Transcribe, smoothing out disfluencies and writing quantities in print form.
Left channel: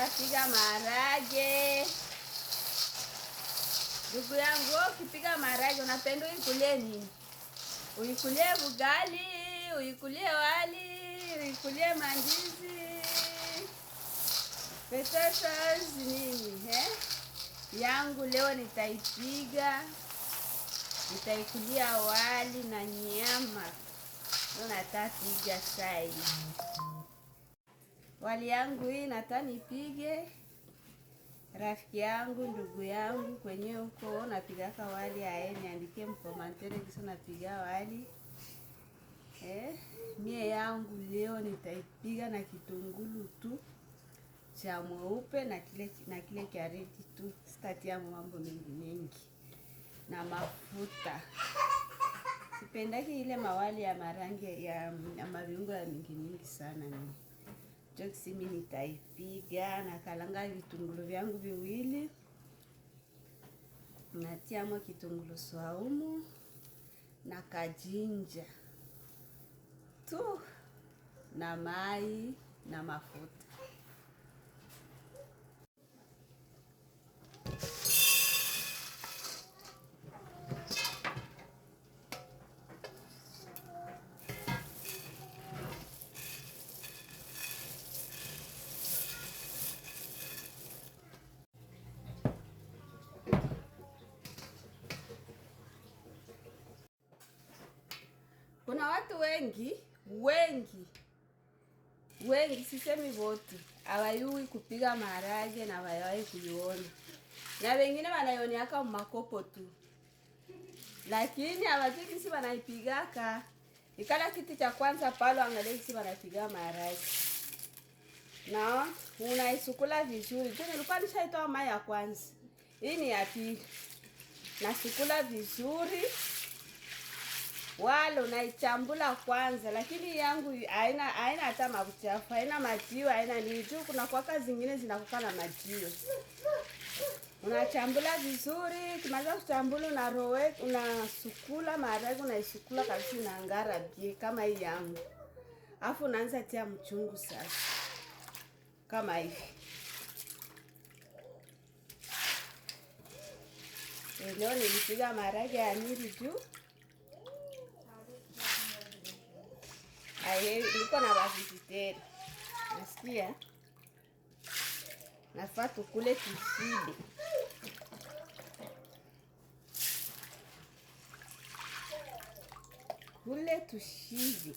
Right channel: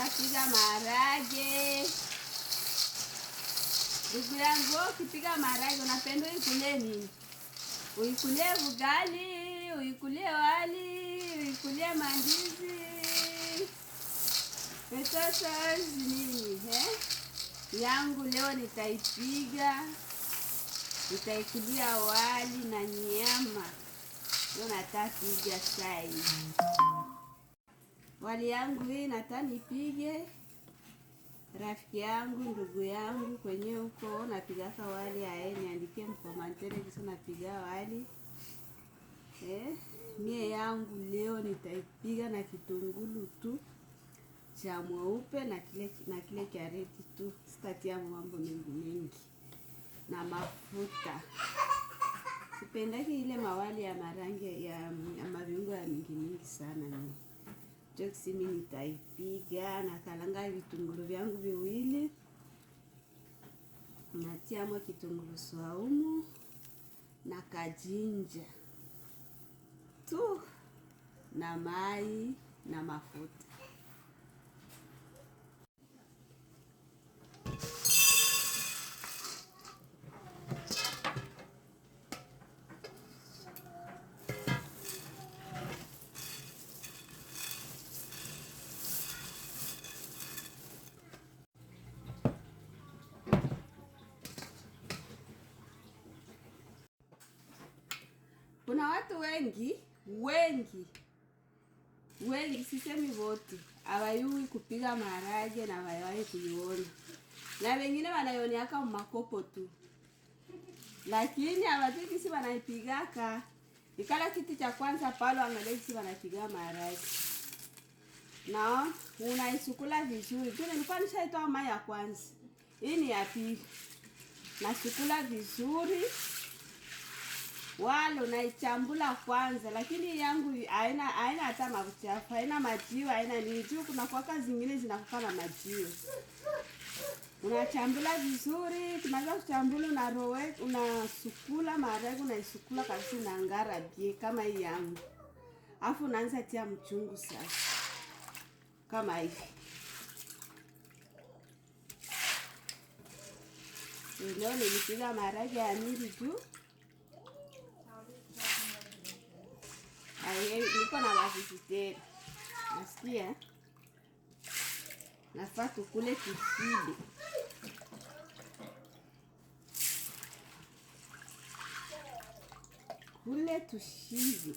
Tapiga maharage. Ndugu yangu, ukipiga maharage unapenda uikulie nini? Uikulie ugali, uikulie wali, uikulie mandizi, potatoes nini, yangu leo nitaipiga, nitaikulia wali na nyama. Leo natapiga sai. Wali yangu hii nataka nipige. Rafiki yangu, ndugu yangu kwenye huko napigaka wali niandikie mkomantere kisa napiga wali. Mie yangu leo nitaipiga na kitungulu tu cha mweupe na kile kareti tu. Sitatia mambo mengi na mafuta. Sipendaki ile mawali ya marangi ya maviungo ya mingi sana mimi. Joksi mimi nitaipiga na kalanga vitungulu vyangu viwili. Natia mo kitungulu saumu na kajinja tu na mai na mafuta. Kuna watu wengi sisemi wote hawayui kupiga maharage na hawayui kuiona. Na wengine wanaioniaka makopo tu. Lakini hawajui kisi wanaipigaka. Ikala kitu cha kwanza pale angalia kisi wanapiga maharage. Na unaisukula vizuri. Tu nilikuwa nishaitoa mai ya kwanza. Hii ni ya pili. Nasukula vizuri. Wala unaichambula kwanza, lakini yangu haina hata mafuta, haina majiwa, haina niju. Kuna kwa zingine zinakuwa na majiwa. Unachambula vizuri, tunaanza kuchambula unasukula maharage, unaisukula kabisa na ngara bie kama hii yangu. Alafu unaanza tia mchungu sasa. Kama hivi. Leo nilipiga maharage ya mingi juu. Niko na wavisiteri. Nasikia nafaa tukule tushibe. Kule tushibe.